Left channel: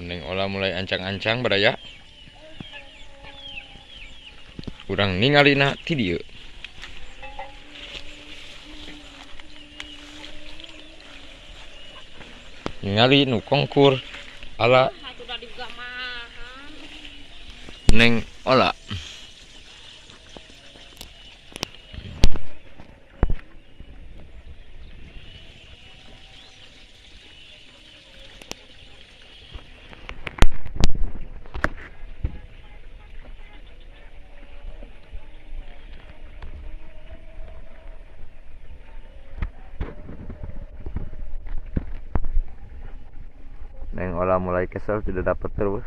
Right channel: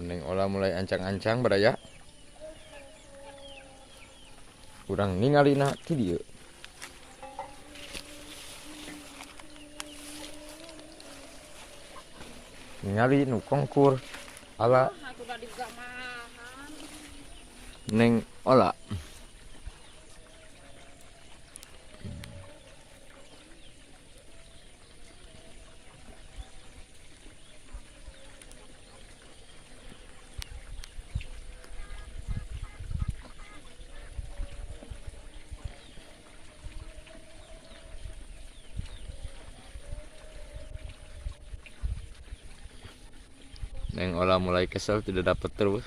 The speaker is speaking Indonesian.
Neng olah mulai ancang-ancang beraya. Urang ningalina ti dieu. Ningali nu kongkur ala Neng olah. Neng olah mulai kesel tidak dapat terus.